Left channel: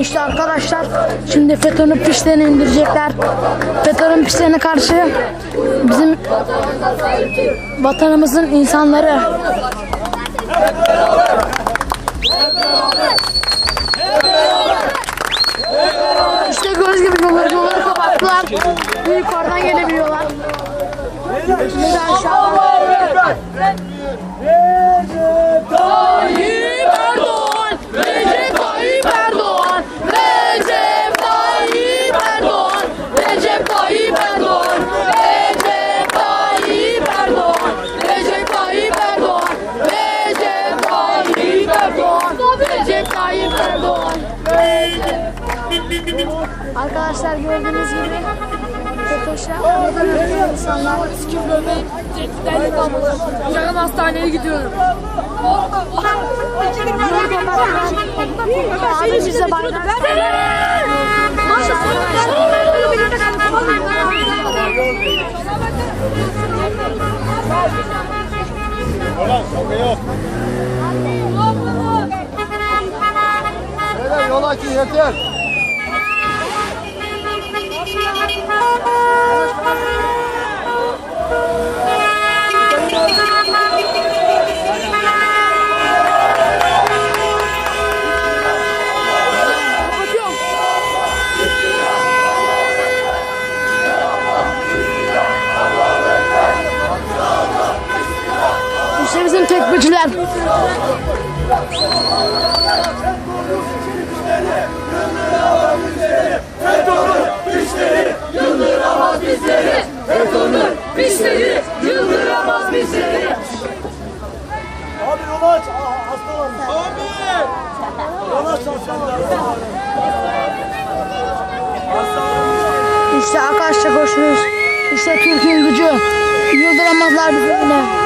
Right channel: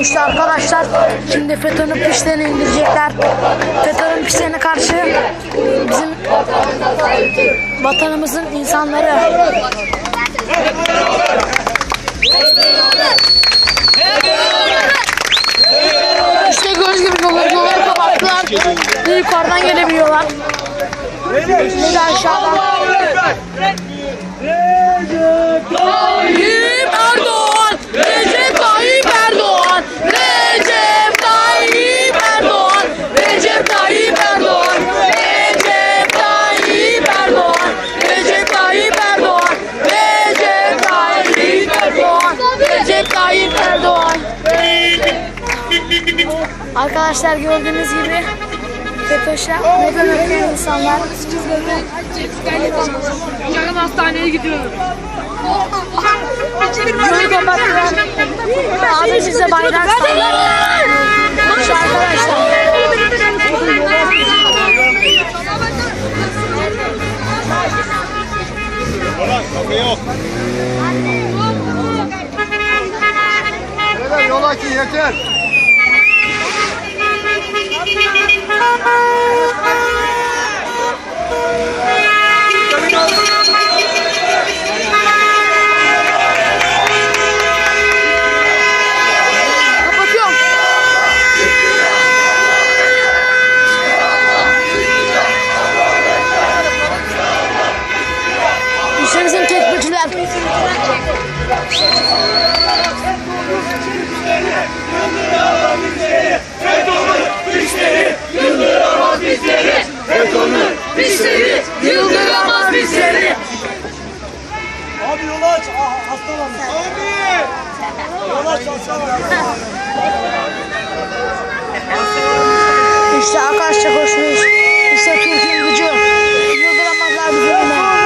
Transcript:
İşte arkadaşlar şimdi FETÖ'nün pişlerini indirecekler. FETÖ'nün pişlerine karşı bizim vatanımızın insanları İşte gördüğünüz gibi doları, doları kapattılar. Bir yukarıdan gelebiliyorlar. Bir aşağıdan. Recep Tayyip Tayyip Erdoğan. Arkadaşlar gördüğünüz gibi FETÖ'şler neden öpüyor insanlar? Yarın hastaneye gidiyorum. Yolu kapattılar. Abi bize bayrak İşte arkadaşlar. Beyler yol açın yeter. İşte arkadaşlar koşmuş. İşte Türk'ün gücü. Yıldıramazlar bizi